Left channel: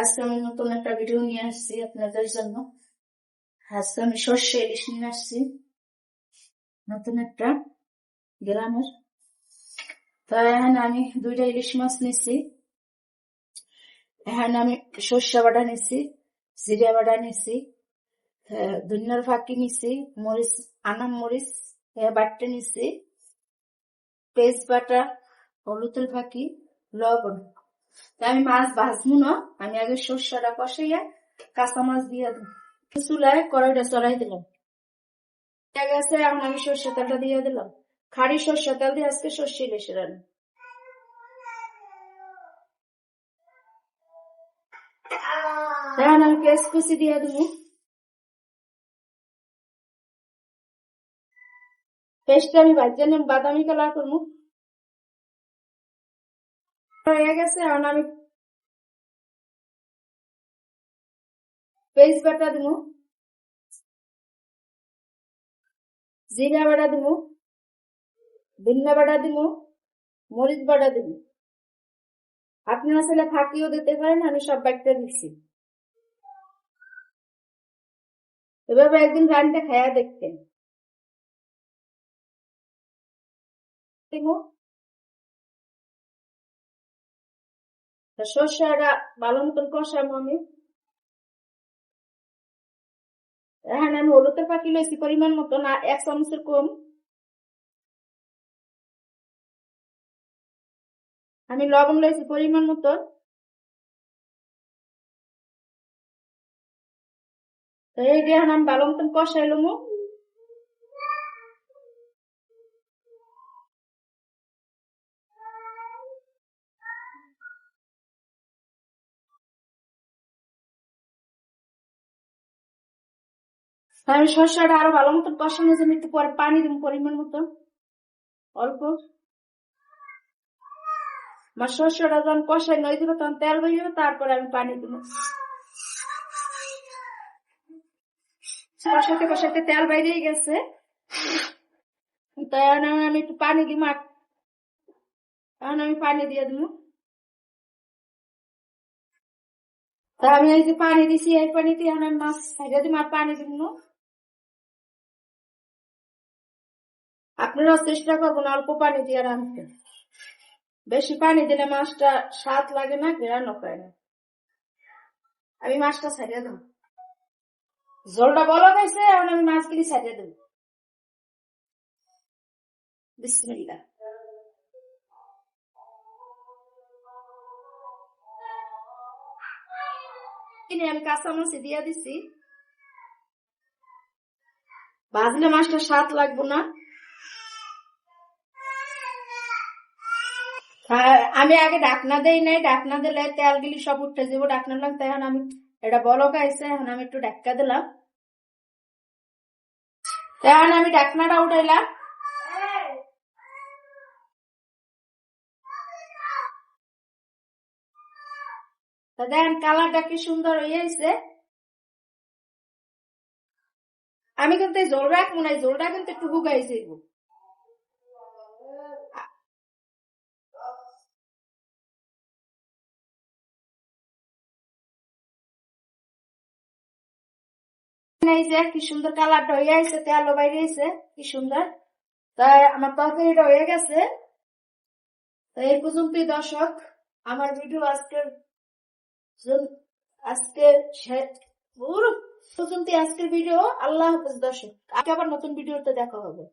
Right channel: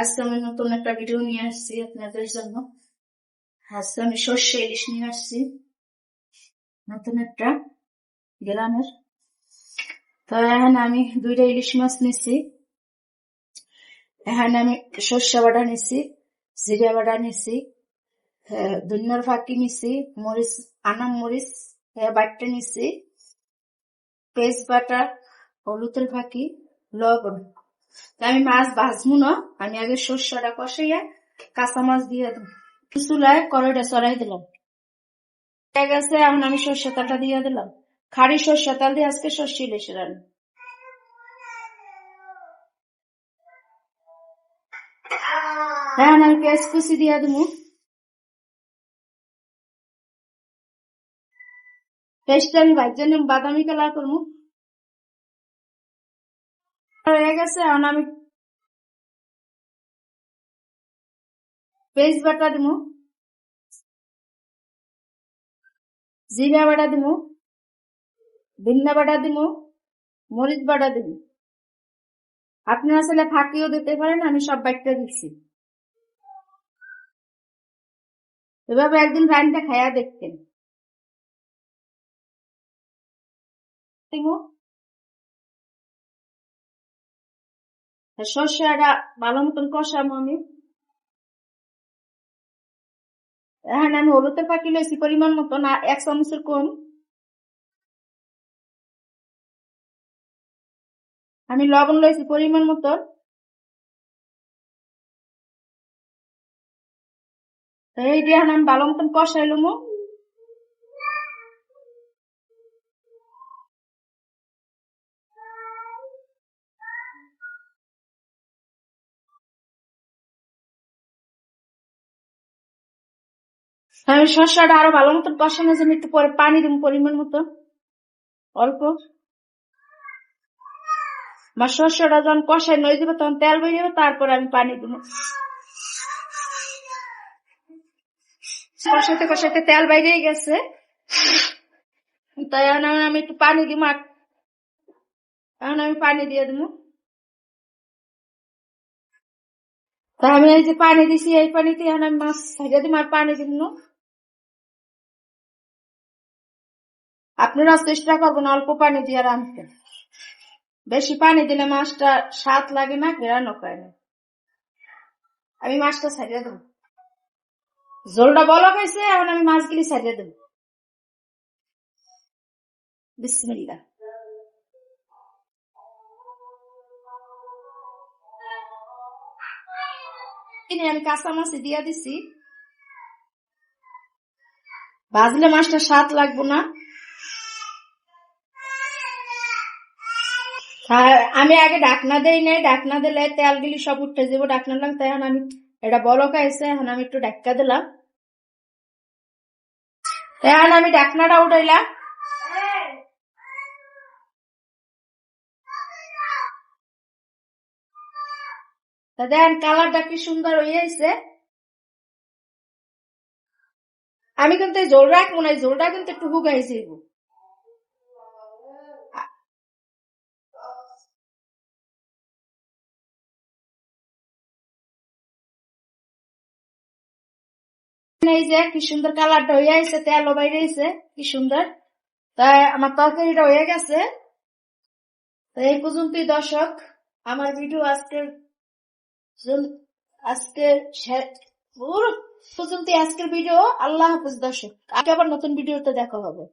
আজকে আমি নতুন একটা ভিডিও নিয়ে আসছি আপনাদের জন্য। আজকে আমি সর্ষে ইলিশ নিয়ে আসছি, নতুন একটা গ্রামের। তো এখানে আমি 2টা ইলিশ মাছ নিছি। এখানে আমি সর্ষে বাটা নিছি, জিরা বাটা নিছি, ধনিয়ার ফাঁকি নিছি, মরিচ, আনাম মরিচ বাটতে নিছি, পেস্ট বাটা, হলুদের ফাঁকি, লবণ। আমি মাছ ভাজবো না, আমি আগে সর্ষেটা কষাইয়া কাঁচা মাছ দিয়ে দেবো। চুলায় কড়াইটা চড়াই দিলাম, হয়ে গেছে। এখন আমি সর্ষে তেলটা দিয়ে দিলাম, খাড়ি সর্ষে তেল দিয়ে আজকে সর্ষে ইলিশ রান্না। এখন আমি পেঁয়াজ কুচি দিয়ে দেবো, পেস্টটা আমি ভাজতে নিলাম, বাদামি কালার করবো। হয়ে গেছে, এখন আমি পেস্ট বাটা দিব, জিরা বাটা দিব, ধনিয়া বাটা দিব, মরিচ বাটা দিব। আপনারা আসলে ফাঁকিও দিতে পারেন, আমি সব বাটতে দিচ্ছি। এভাবে একদিন রান্না খাইয়া দেখতেন। সর্ষেটা ভালো মতন কষাবো আমি। এখন আমি হলুদের ফাঁকি লইছি পরিমাণ মতন, 1 চামচের কম। আমি লবণ লইছি পরিমাণ মতন। এই দিয়ে আমি ভালো মতন কষাইলাম। আমি সর্ষেটা আরো ভালো মতন কষানোর জন্য একটু পরে পানি দিব পরিমাণ মতন, অল্প। আমার সর্ষেটা যখন কষাই নই দিব, তখন তেল বেরিয়ে, তারপরে আমি পানি দিব। কষাতে কষাতে তেল বাইরে গেছে, তাই আমি একটু পানি দিব। এখন আমি পানি দিয়ে দিব। তা আমি এই যে পানি দিছি, এই পানিতে এখন আমি মাছ ছাড়িয়ে দিব আর পানি দিব। আপনারা চেষ্টা করবেন অল্প পানি দিয়ে রাঁধতে। বেশি পানি দিলে মাছটা স্বাদ লাগে না, ঘেরানো পায় না। আমি মাছটা ছাড়িয়ে দেবো, ঝোলটা বলক হয়েছে। এখন আমি মাছগুলি ছাড়িয়ে দেবো। বিসমিল্লাহ। আমি কাঁচা মাছ দিয়ে দিছি, ভাজলে মাছটা স্বাদ লাগবো না। আমি আগে ডাকনা দেই নাই, ডাকনা দিলে তেলগুলি সব উঠে যাবো। ডাকনা দিলাম, তাই এখন আমি এটা বলক আইছে, এখন আমি একটু ঢাকা দিলাম। এখন আমি ডাকনাটা উঠাইলাম। দেখেন কালারটা কি সুন্দর হয়েছে। আমি কিন্তু জোল রাখবো না, জোলটা কিন্তু একটু হুগাইছে। এই যে কি সুন্দর কালারটা হয়ে আছে, তেলও বাইরেছে কি সুন্দর। তাই আমার তরকারিটা হয়ে গেছে। এই পর্যন্তই দর্শক, আমার ভিডিও আজকে পর্যন্ত আজকের ভিডিও। আল্লাহ হাফেজ দর্শক, আগে আবার নতুন ভিডিওতে দেখা হবে।